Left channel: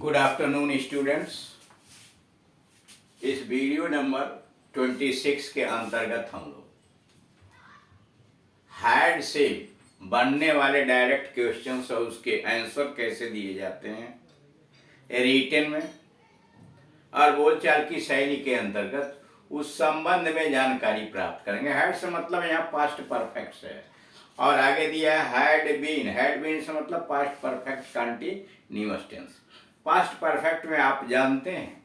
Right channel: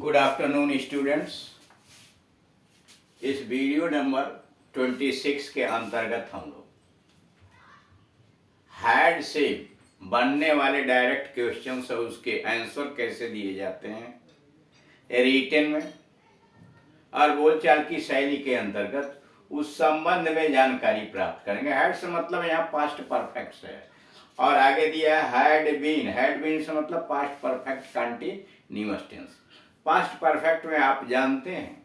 Good afternoon students. इस video number 26 के अंतर्गत हम लोग हैड से बनने वाले डायरेक्ट क्वेश्चंस और उसके आंसर कैसे दिए जाते हैं रिटन में और बोलचाल की शैली के अंतर्गत उस संबंध में जानकारी प्राप्त करेंगे। हैड से मतलब यहाँ पास्ट परफेक्ट है और आगे दिया है हैड बीन। हैड बीन से मतलब past perfect continuous tense. Past perfect में आप जानते हैं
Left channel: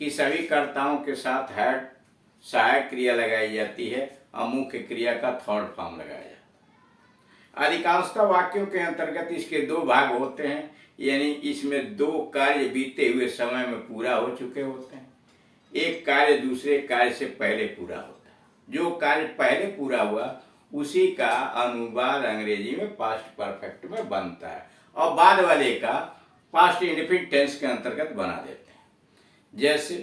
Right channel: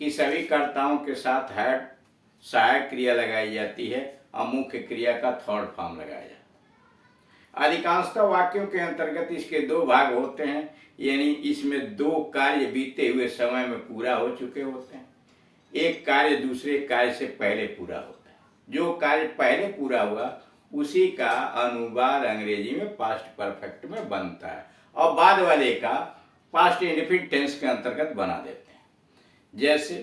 कि सभी कर्ताओं के साथ हैड सहायक क्रिया लगाई जाती है और मुख्य क्रिया का थर्ड फॉर्म लगाया जाता है। अधिकांशतः वाक्यों के अंतर्गत इसके दो भाग होते हैं, यानी इसमें दो कार्य बीते हुए समय में पूरा हो चुके होते हैं। एक कार्य दूसरे कार्य से पहले पूरा होता है। जो कार्य पहले पूरा हुआ उसी का अनुवाद अंग्रेजी में पास्ट परफेक्ट में बनता है और बाद वाले का पास्ट इंडेफिनिट टेंस के अंतर्गत बना देते हैं। जैसे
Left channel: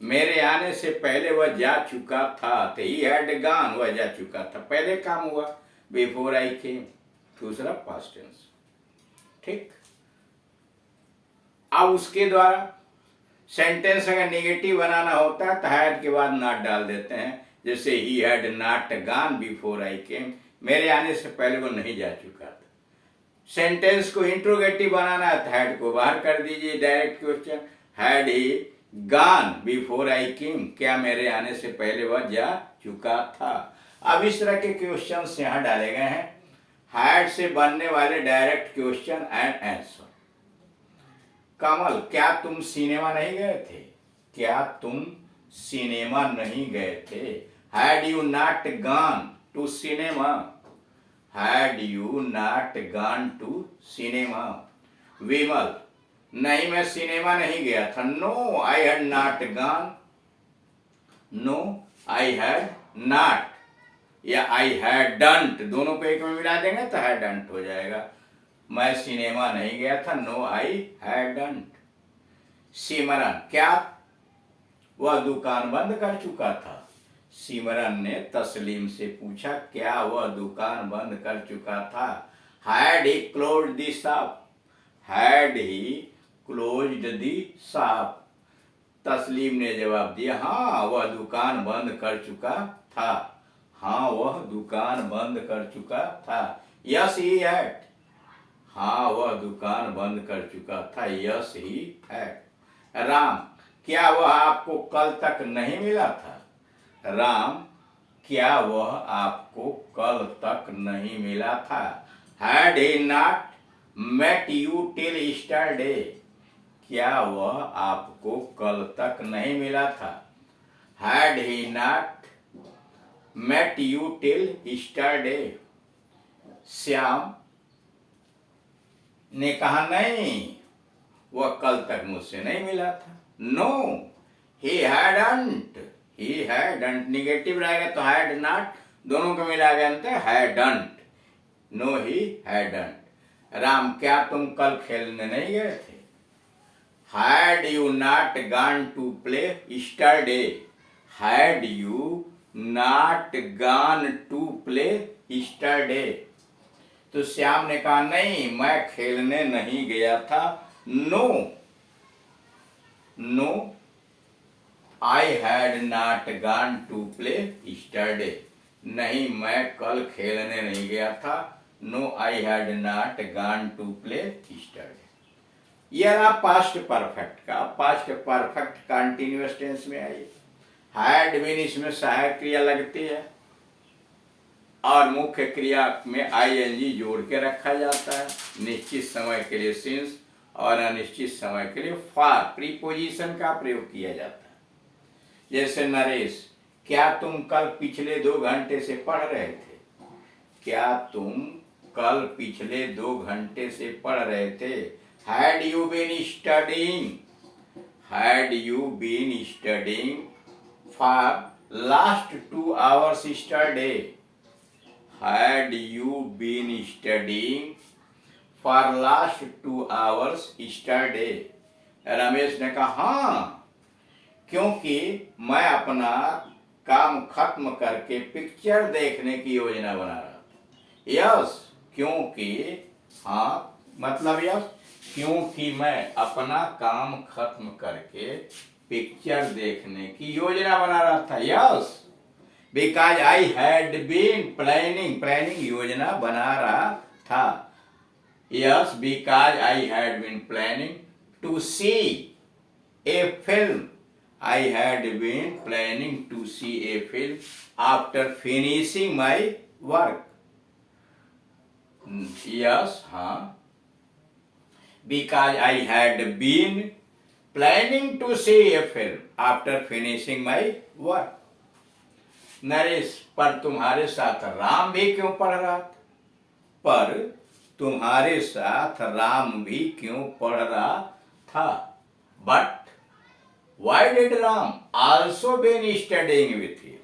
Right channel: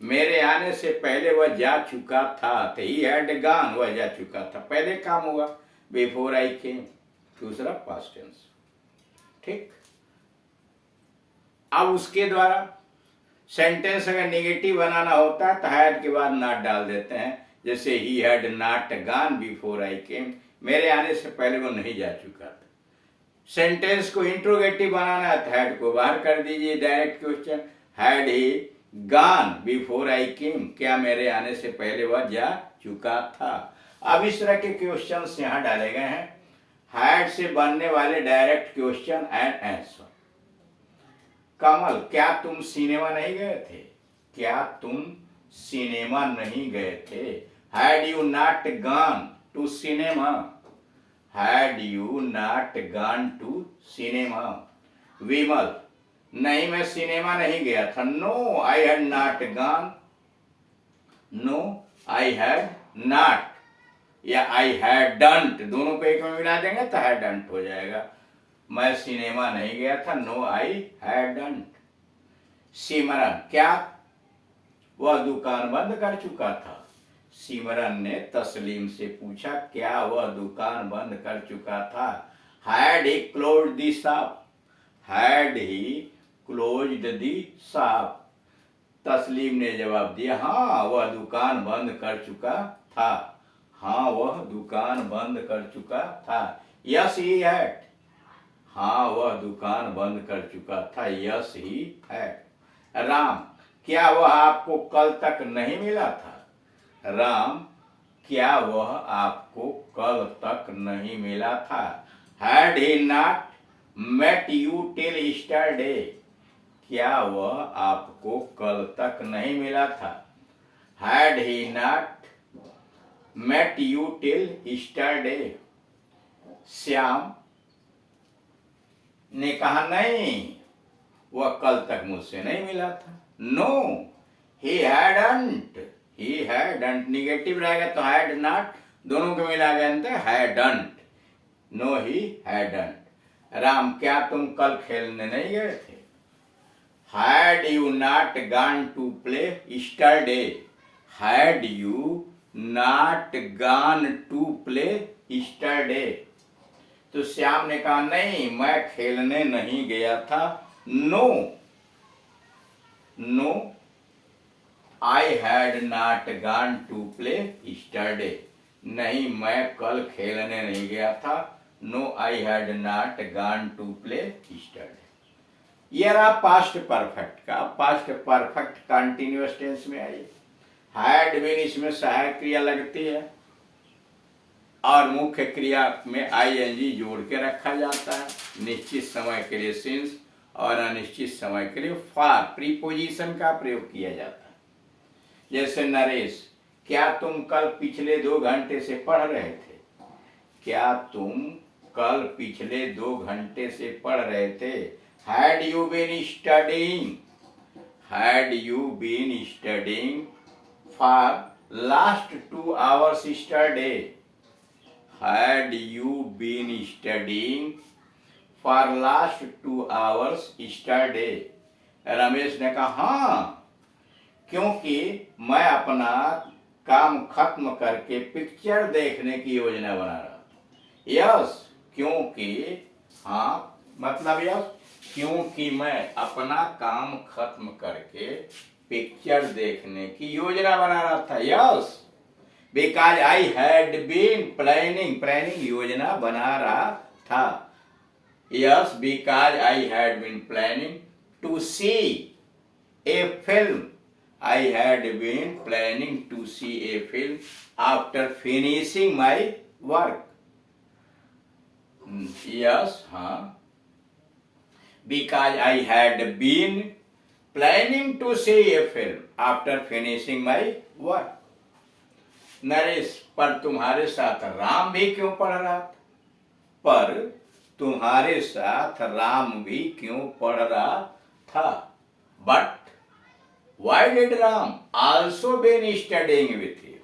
मेरे आने से पहले वह जा चुका था, तो ही हैड गॉन, वह जा चुका था, पहले काम हुआ, बिफोर आई केम, दूसरा पास्ट टेंस। ठीक। अब उसके द्वारा सेंटेंस अगर नेगेटिव बनाना होता है तो हैड के बाद नॉट डाल देते हैं। जैसे ही had not gone before I came, मेरे आने से पहले वो नहीं जा चुका था। सेंटेंस को इंट्रोगेटिव बनाना है तो हैड को बाहर कर दीजिए। Direct question, had he gone before I came, क्या मेरे आने से पहले वह जा चुका था। अब इस तरह के क्वेश्चंस यहाँ डाले गए हैं। हैड से बनने वाले डायरेक्ट क्वेश्चन एंड आंसर। कमल, क्या तुम सिनेमा नहीं गए थे? क्या तुम सिनेमा नहीं गए थे? Had you not gone to cinema? Had you not gone to cinema? Vimal, नहीं मैं सिनेमा नहीं गया था। No, I had not gone. No, I had not या I hadn't, दोनों को एक में मिला देंगे तो hadn't हो जाएगा। मैं सिनेमा नहीं गया था। No, I hadn't. सिमरन, क्या वह दुकान बंद कर चुका था? सिमरन ने तस्लीम से पूछा, क्या वह दुकान बंद कर चुका था? Had he closed the shop? Had he closed the shop? तस्लीम ने जवाब दिया, हाँ वह दुकान बंद कर चुका था। हाँ वह दुकान बंद कर चुका था। यस ही हैड, हाँ वह दुकान बंद कर चुका था। Yes he had. राम, क्या वह आपको कल तक नहीं मिला था? राम, क्या वह आपको कल तक नहीं मिला था? Had he not met you till yesterday? क्या वह आपको कल तक नहीं मिला था? Had he not met you till yesterday? Shyam ने कहा, नहीं वह कल तक मुझसे नहीं मिला था। No, he hadn't. He hadn't negative रहेगा तो हैड नॉट, दोनों को मिला गया तो hadn't. No, he hadn't. Ram, क्या तुम कल खेलने नहीं गए थे? Had you not gone to play yesterday? Had you not gone to play yesterday? तो श्याम ने कहा, नहीं मैं खेलने नहीं गया था। No, no I had not gone to play yesterday. नहीं मैं कल खेलने नहीं गया था। No, I had not gone to play yesterday. यह रहा पास्ट परफेक्ट का। पास्ट परफेक्ट कंटिन्यूअस टेंस में आई। हैड बीन इसमें सहायक क्रिया लगती है और मुख्य क्रिया में ing जोड़ के रखा जाता है। निश्चित समय के लिए सिंस और अनिश्चित समय के लिए फॉर प्रीपोजिशन का प्रयोग किया जाता है। जैसे नरेश, क्या तुम कल पिछले 2 घंटे से पढ़ रहे थे? क्या तुम कल पिछले 2 घंटे से पढ़ रहे थे? Had you been studying? Had you been studying for last 2 hours yesterday? Had you been studying for last 2 hours yesterday? Ramesh ने कहा, हाँ क्योंकि मैं अपना काम खत्म करके पिक्चर देखने की योजना बना रहा था। यस, क्योंकि, हाँ मतलब यस, क्योंकि मैं अपना काम खत्म करके पिक्चर देखने की योजना बना रहा था। Yes, because I had been planning योजना बना रहा था। Yes, because I had been planning to see a film. I had been planning to see a film after finishing my work. Yes, हाँ, because I had been planning to see a film after finishing my work. Naresh, पर तुम्हारे साथ राम भी क्यों पढ़ रहा था? पर तुम्हारे साथ राम भी क्यों पढ़ रहा था? But why did Ram also been studying with you?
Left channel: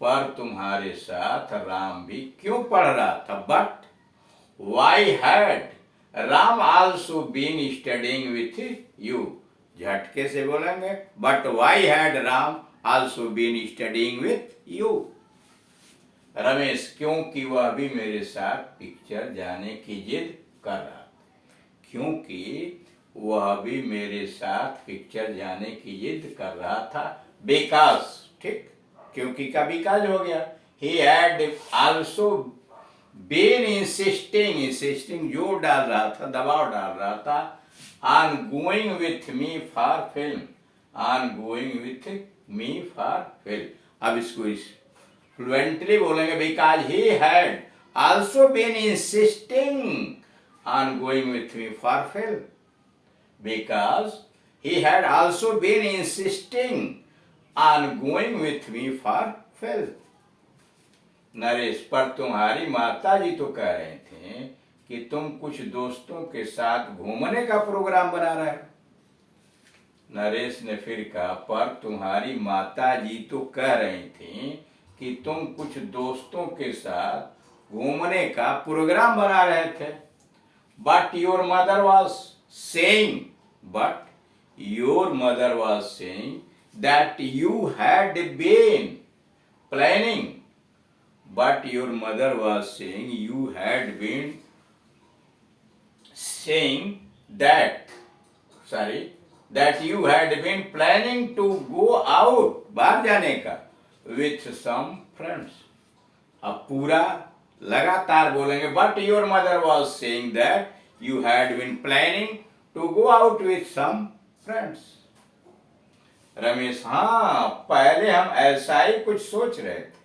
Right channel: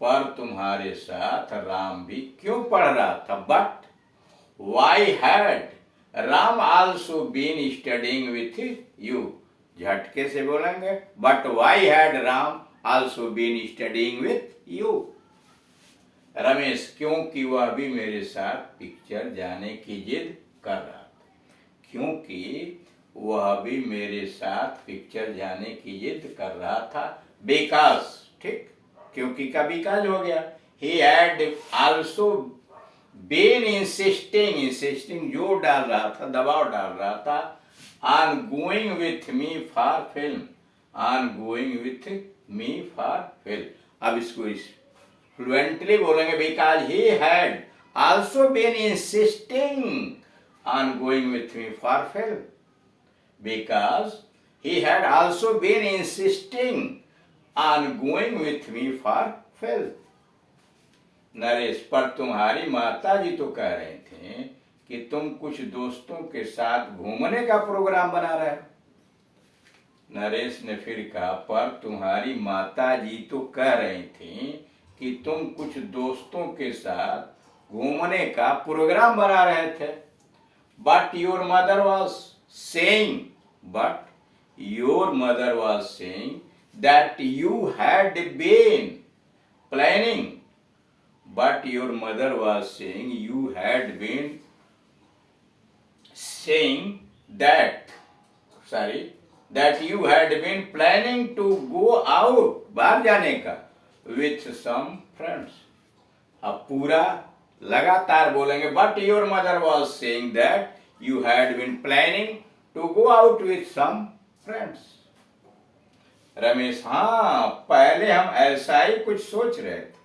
पर तुम्हारे साथ राम भी क्यों पढ़ रहा था? But why had Ram also been studying with you? झटके से बोलेंगे, but why had Ram also been studying with you? Ramesh, क्योंकि वह भी मेरे साथ पिक्चर जाने की जिद कर रहा था। क्योंकि वह भी मेरे साथ पिक्चर जाने की जिद कर रहा था। बिकॉज, ठीक, क्योंकि का बिकॉज हो गया। He had also been insisting जोर डाल रहा था, दबाव डाल रहा था, on going with me for film, on going with me for film. अब इसको फ्लुएंटली बोलेंगे, because he had also been insisting on going with me for film. Because he had also been insisting on going with me for film. Naresh, पर तुम्हारी माता जी तो कह रहे थे कि तुम कुछ दोस्तों के साथ घूमने का प्रोग्राम बना रहे हो। नरेश ने फिर कहा, पर तुम्हारी माता जी तो कह रही थी कि तुम कुछ दोस्तों के साथ घूमने का प्रोग्राम बना रहे थे। But your mother was saying that you had been planning. But your mother was saying you had been saying that you had been planning to go out, बाहर जाने का, with some friends। अब पूरा लगातार बोलेंगे, but your mother was saying that you had been planning to go out with some friends। Ramesh, हाँ, पहले हम ऐसा ही कुछ सोच रहे थे।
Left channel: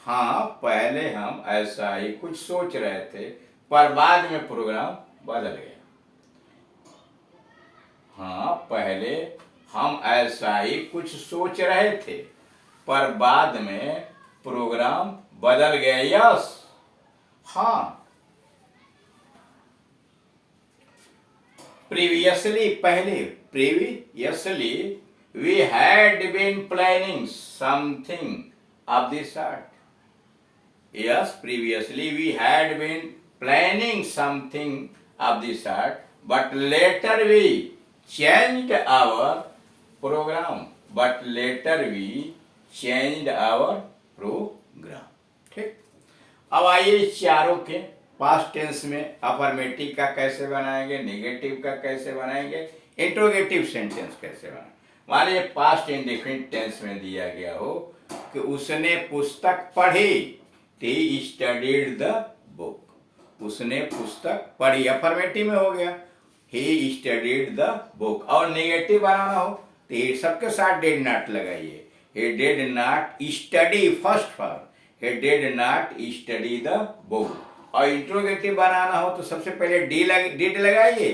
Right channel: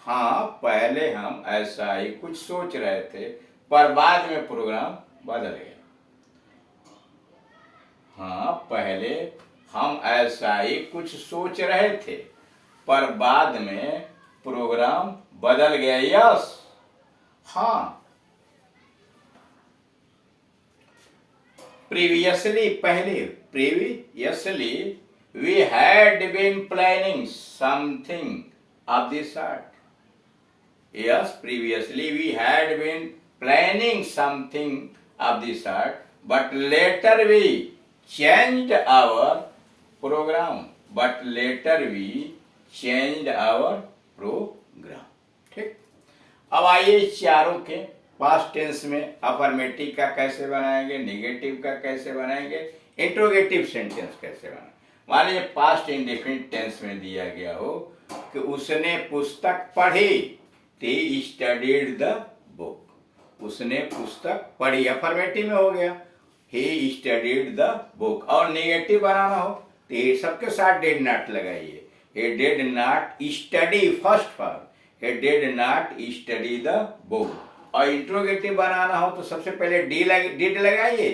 हाँ, पहले हम ऐसा ही कुछ सोच रहे थे, पर बाद में प्रोग्राम बदल गया। हाँ, पहले हम ऐसा ही कुछ सोच रहे थे, पर बाद में प्रोग्राम बदल गया। यस, हाँ, प्रीवियसली, पहले, previously we had been planning something of this sort. Yes, previously we had been planning something of this sort, but later we changed our program. ठीक। अब आइए चारों के पास्ट टेंस में अफर्मेटिव का कैसे बनाएंगे, नेगेटिव का कैसे बनाएंगे, इंट्रोगेटिव सेंटेंस कैसे बनाएंगे। मान लीजिए पास्ट इंडेफिनिट टेंस में दिया गया हो कि उसने पुस्तक पढ़ी, he studied the book। उसने पुस्तक पढ़ी, अफर्मेटिव में हो गया, he studied the book। और नेगेटिव बनाना हो तो ये सबके साथ did not लगाइए। he did not study, first form, he did not study the book। और इंट्रोगेटिव बनाना हो तो सबसे पहले did लगाइए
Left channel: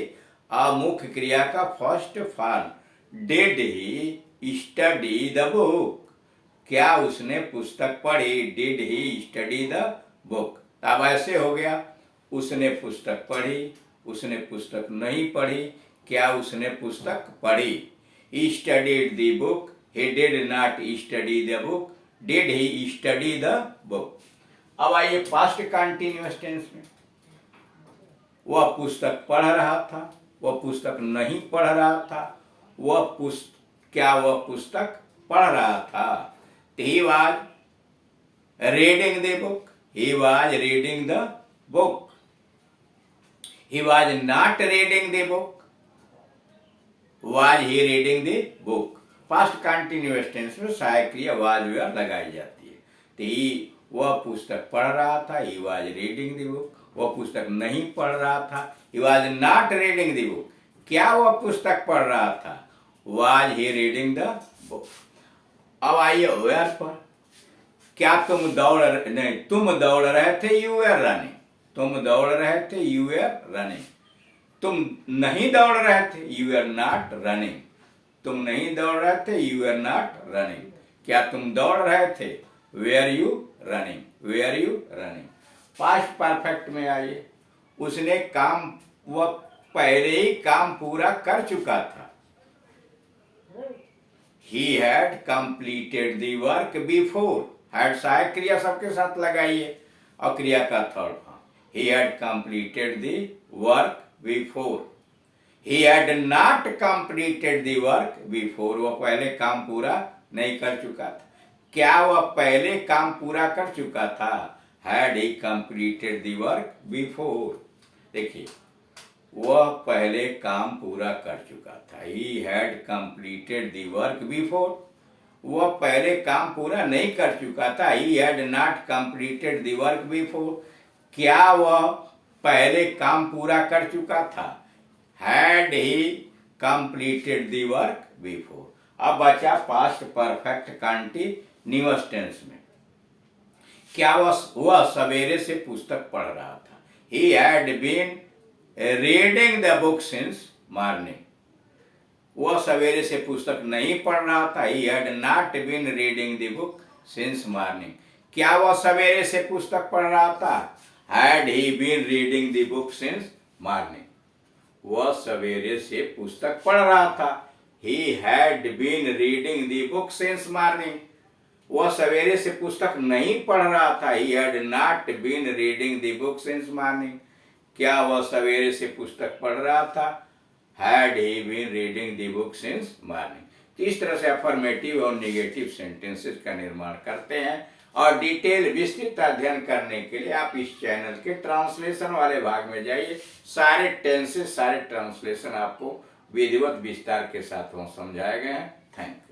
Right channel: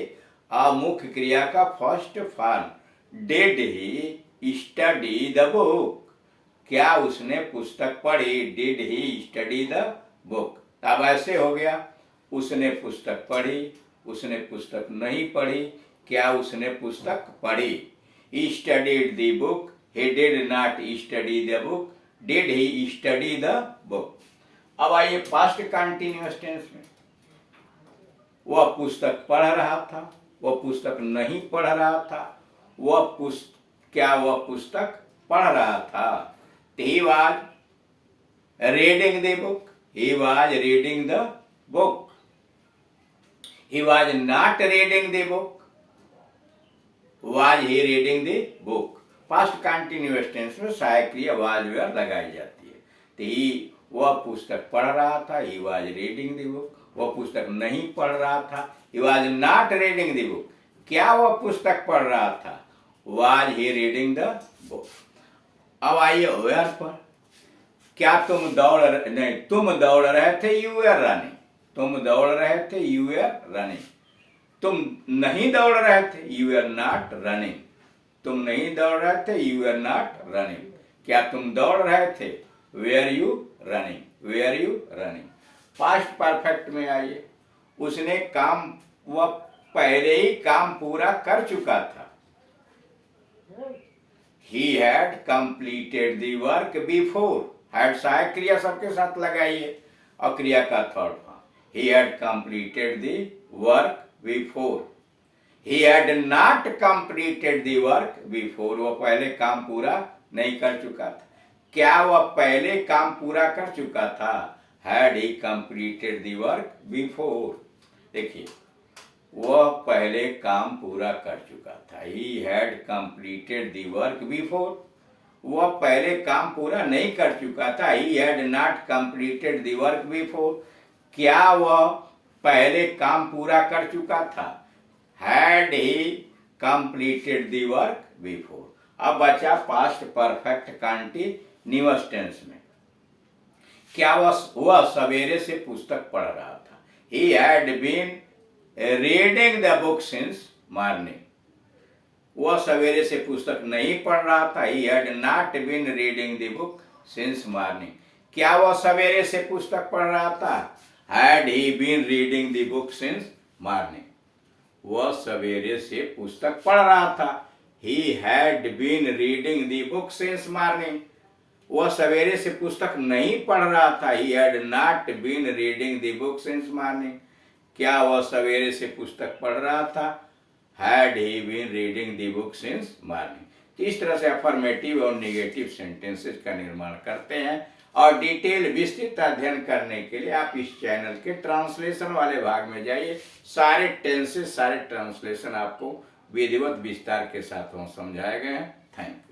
और मुख्य क्रिया का first form, did he study the book। क्या उसने पुस्तक पढ़ी, did he study the book. अब ऐसे हो गया, उसने पुस्तक पढ़ी, उसने पुस्तक नहीं पढ़ी, क्या उसने पुस्तक पढ़ी। He studied the book, he did not study the book, did he study the book. अब आइए पास्ट कंटिन्यूअस टेंस में, वह पुस्तक पढ़ रहा था, वह पुस्तक नहीं पढ़ रहा था, क्या वह पुस्तक पढ़ रहा था। He was reading the book, he was reading the book, he was not reading the book, was he reading the book. Past continuous tense में सहायक क्रिया वाज वेयर लगाई जाती है। तो ही वह पुस्तक पढ़ रहा था, he was reading the book. वह पुस्तक नहीं पढ़ रहा था, he was not reading the book. क्या वह पुस्तक पढ़ रहा था, was he reading the book. अब आइए वेयर पर। क्या तुम दौड़ रहे थे, यू वर रनिंग। तुम दौड़ रहे थे, यू वर रनिंग। तुम नहीं दौड़ रहे थे, यू आर नॉट रनिंग। तुम नहीं दौड़ रहे थे, यू आर नॉट रनिंग। क्या तुम दौड़ रहे थे, where you running, where you running. Past perfect में आइए। उसने काम, वह पहले ही काम पूरा कर चुका था। He had completed the work before। had सहायक क्रिया सबके साथ लगाइए और क्रिया का third form. He had completed the work before। He had not completed the work before। वह पहले काम पूरा नहीं कर चुका था। क्या वह पहले काम पूरा कर चुका था, had he completed the work before। देखिए, वह पहले काम पूरा कर चुका था। He had completed the work before। वह पहले काम पूरा नहीं कर चुका था। He had not completed the work before। क्या वह पहले काम पूरा कर चुका था, had he completed the work before। अब बचा पास्ट परफेक्ट कंटीन्यूअस टेंस में। क्या वह सवेरे से पुस्तक पढ़ रहा था। He had been reading the book since morning. वह सवेरे से पुस्तक नहीं पढ़ रहा था। He had not been reading the book since morning। क्या वह सवेरे से पुस्तक पढ़ रहा था, had he been reading the book since morning। वह सवेरे से पुस्तक पढ़ रहा था। He had been reading the book since morning। वह सवेरे से पुस्तक नहीं पढ़ रहा था। He had not been reading the book since morning। क्या वह सवेरे से पुस्तक पढ़ रहा था, had he been reading the book since morning। तो इस तरह से अफर्मेटिव और नेगेटिव सेंटेंसेस का निर्माण करते हैं। और डिटेल विस्तृत अध्ययन करने के लिए आप इस चैनल के ट्रांसलेशन वाले भाग में जाइए। सारे टेंसेस, सारे ट्रांसलेशन आपको विधिवत विस्तार के साथ वहाँ समझाए गए हैं। Thank you.